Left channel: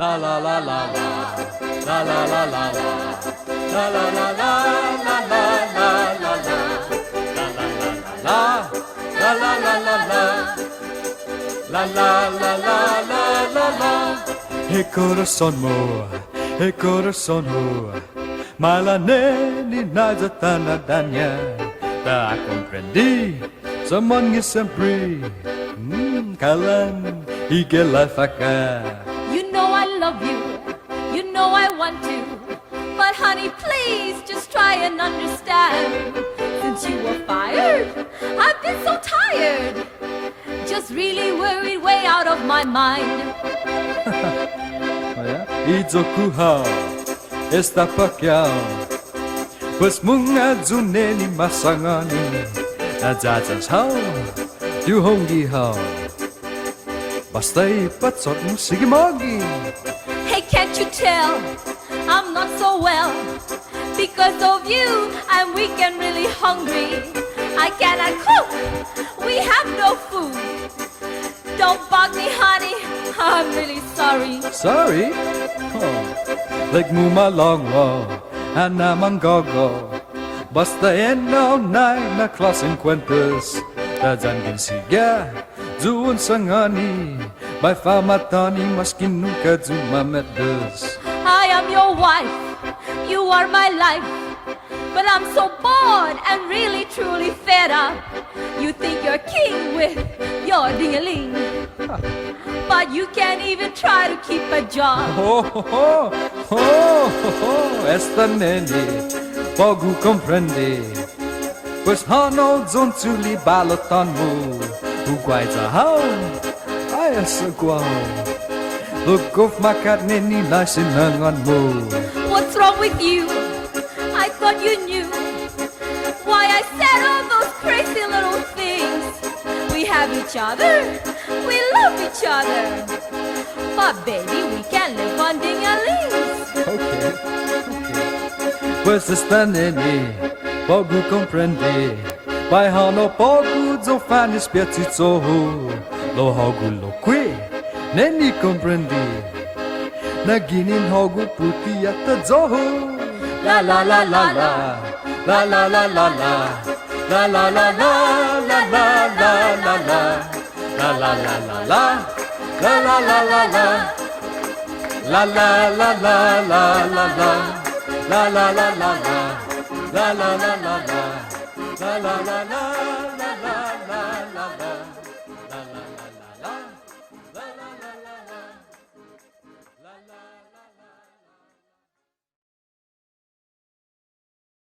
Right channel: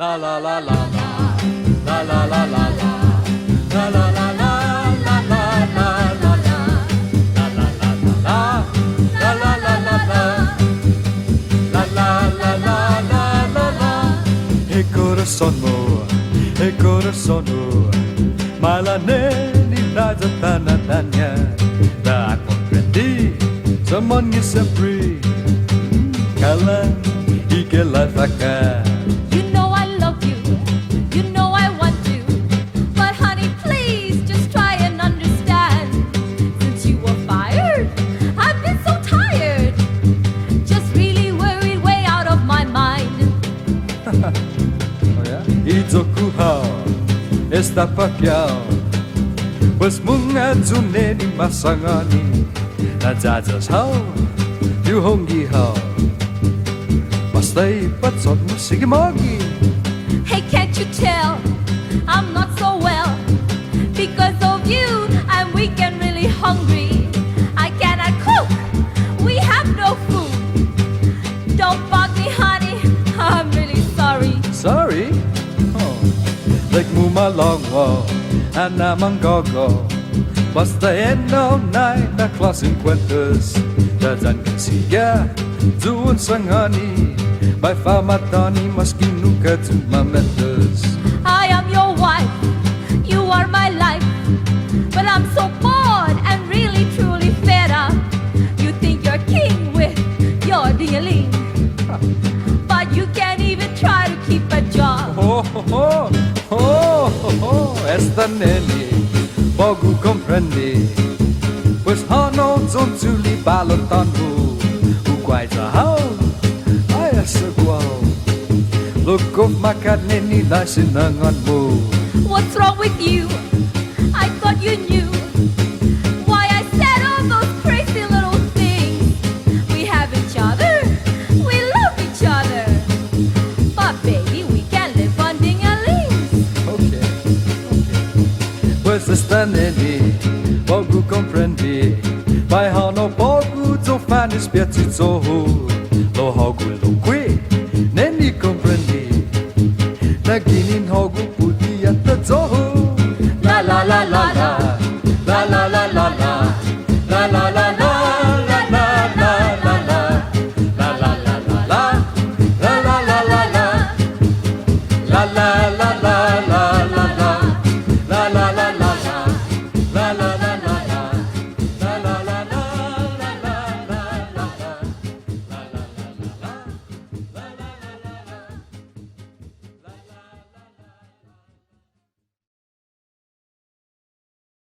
La la la la la, la la la la la, la la la la, la la la la la, la la la la, la la la la la, la la la la la la la. E corazon mo, malaneni na zatana danya, da compreendi, someone sempre, kalan ikela faka. You know I love you, you know I want to, but honey, please just try and understand. Since you were fired, I've been so tired, just really worried way out of my mind. Oh yeah? Itzokuha, esta pakyao, bas munga zuneni masangani, nadzadzas hao, du hongi hao. Basta ipatsot mo, sige mogi. Hey, can't you tell I'm not so well? Because of you, I'm weak and really hungry. I cannot cook, we have no food. Don't bug me, honey, I'm really sorry. Sorry? Oh. Like muma longwo, anamang gogo. Basta eno nai na klaseng kwentas. Dadan kasiga, zuun sangani. By famatani maskin nunca zumametas. I am your wife, you are my life. But I'm so bored and really truly fed up. You think you're king with your ding-a-ling, but you can't even try to keep a job. Esta neni, pogu comprende. Pues hano zonzuli balotanmu, uguai zahau. Ay, asagwaw. Look of makat neni nasinangan mo. What's wrong with you? I thought you knew why I said all those crazy little things. We have each other, we love each other, but baby, we can't live on ding-a-lings. Okay. Pues esta neni, pogu comprende. By hano pogu zo fanis piazzizoho. Lo hogu lo qui, neni comprendi. Naginin hogu puti at zoho. La la la la la, la la la la la, la la la la la la la la la, la la la la la, la la la la la, la la la la la la la, la la la la la, la la la.